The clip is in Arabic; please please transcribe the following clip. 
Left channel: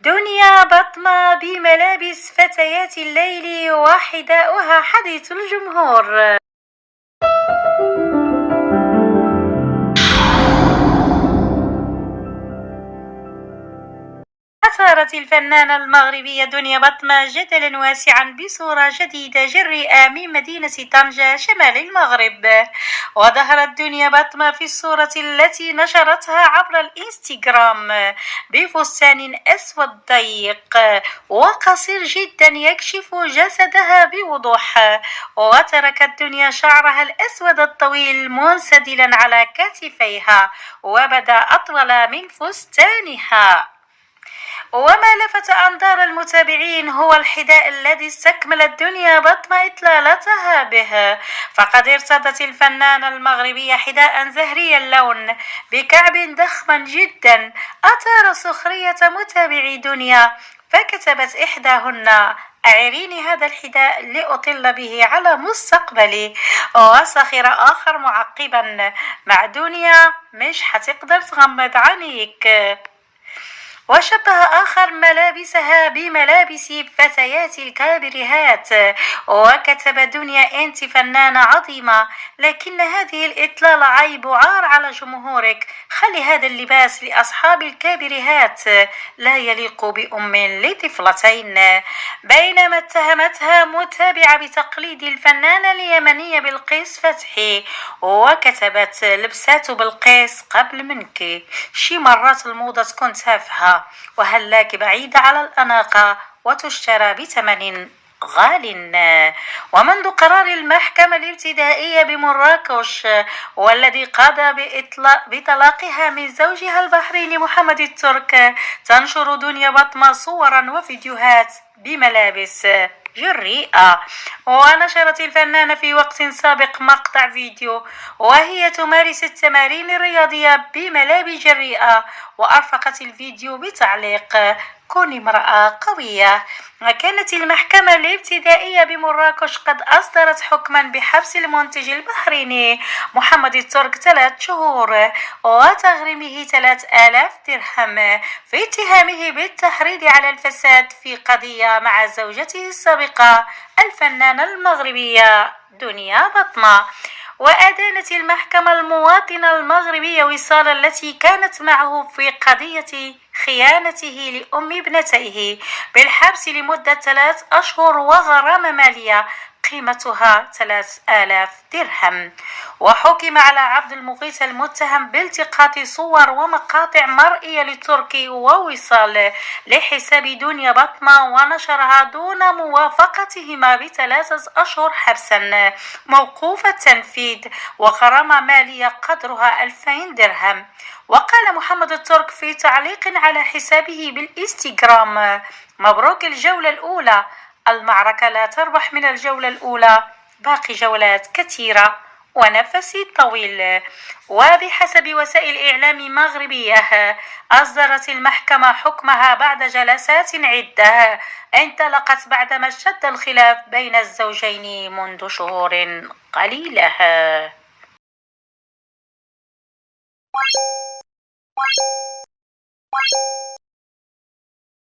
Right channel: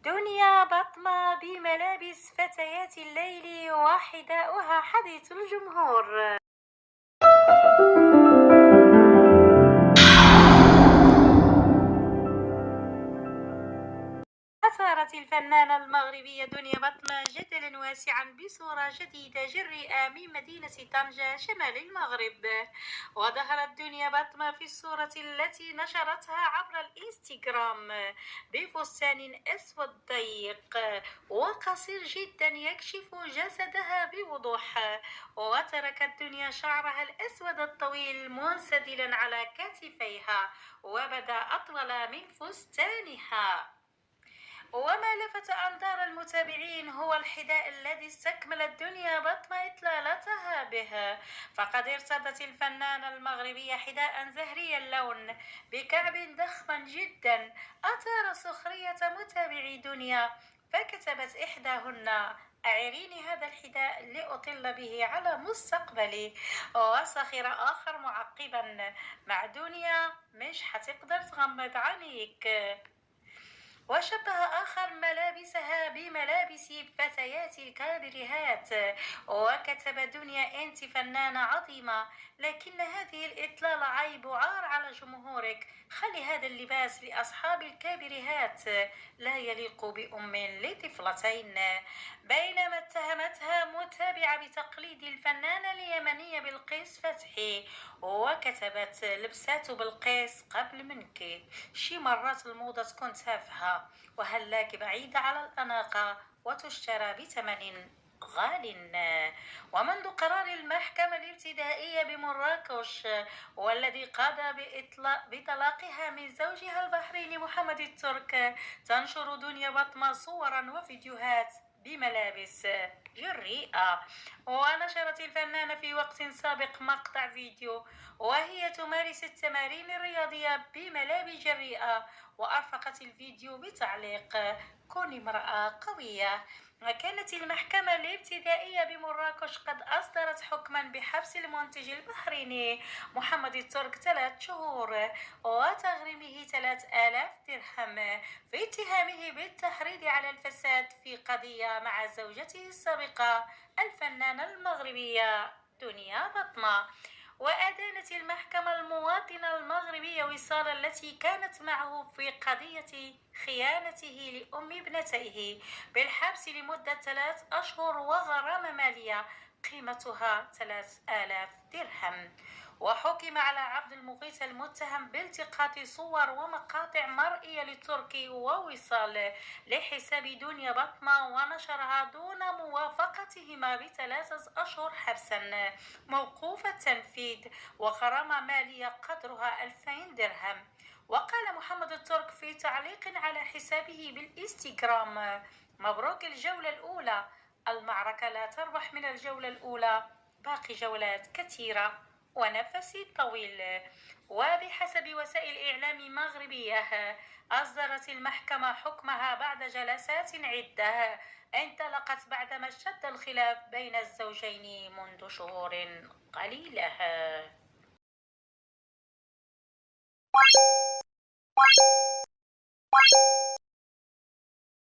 دنيا بطمة بملابس فتيات الليل وحذاؤها حديث الجمهور. أثارت الفنانة المغربية دنيا بطمة جدلا واسعا بصورة جديدة جريئة من مدينة طنجة شمال المغرب. وظهرت دنيا بطمة في الصورة التي نشرتها عبر الإنستغرام بفستان أسود ضيق وقصير جدا يكشف جسدها بوضوح، وتركت دنيا شعرها الأسود الطويل منسدلا على كتفيها وبدا أطول من فستانها. وما لفت أنظار المتابعين هو الحذاء الذي استكملت دنيا بطمة إطلالتها به، فقد ارتدت الفنانة المغربية حذاء زهري اللون بكعب ضخم جدا أثار سخرية متابعي دنيا، فكتبت إحداهن: أعيريني هذا الحذاء لأطل به على مستقبلي. وسخر آخر معقبا: مع دنيا مش حتقدر تغمض عينيك. وشبه آخر ملابسها بملابس فتيات الكابريهات وكتب: دنيا أنت فنانة عظيمة، لكن هذه الإطلالة عيب وعار على جمهورك، خلي هذا اللباس لأصحاب الكابريهات، لا يليق بأم لطفلتين. بينما اتهمتها متابعة بتقليد الفنانة اليمنية بلقيس فتحي وكتبت: لبسات بلقيس قبل منك، شي مرات الموضة تكون تافهة وهلاك بعيدة على الأناقة وتشترى بثمن غال. ومنذ قرار المحكمة الابتدائية بمراكش والذي قضى بطلاقها من زوجها البحريني محمد الترك، تنشر دنيا بطمة صورا وفيديوهات بملابس جريئة. ونشرت الفنانة في وقت سابق مقطع فيديو وهي تمارس التمارين الرياضية بملابس جريئة، وأرفقت الفيديو بتعليق: كوني امرأة قوية. وكانت المحكمة الابتدائية بمراكش قد أصدرت حكما بحبس المنتج البحريني محمد الترك 3 شهور وتغريمه 3000 درهم في اتهامه بالتحريض على الفساد في قضية مع زوجته السابقة الفنانة المغربية دنيا بطمة. وأدانت المحكمة المواطنة المغربية وصال التي كانت معه في قضية خيانته لأم ابنتيه بالحبس لمدة 3 أشهر وغرامة مالية قيمتها 3000 درهم. وحكم على عبد المغيث المتهم بالتقاط صور ومقاطع مرئية للتركي ووصال لحساب دنيا بطمة ونشرها دون موافقتهما ب3 أشهر حبسا موقوف التنفيذ وغرامة مالية قدرها 2000 درهم. وقال محمد الترك في تعليق على حسابه بالإنستغرام: مبروك الجولة الأولى، المعركة لا تربح من الجولة الأولى، باقي جولات كثيرة ونفسي طويل. وبحسب وسائل إعلام مغربية أصدرت المحكمة حكمها بعد جلسات عدة انطلقت بعدما اشتد الخلاف بين الزوجين منذ شهور قليلة.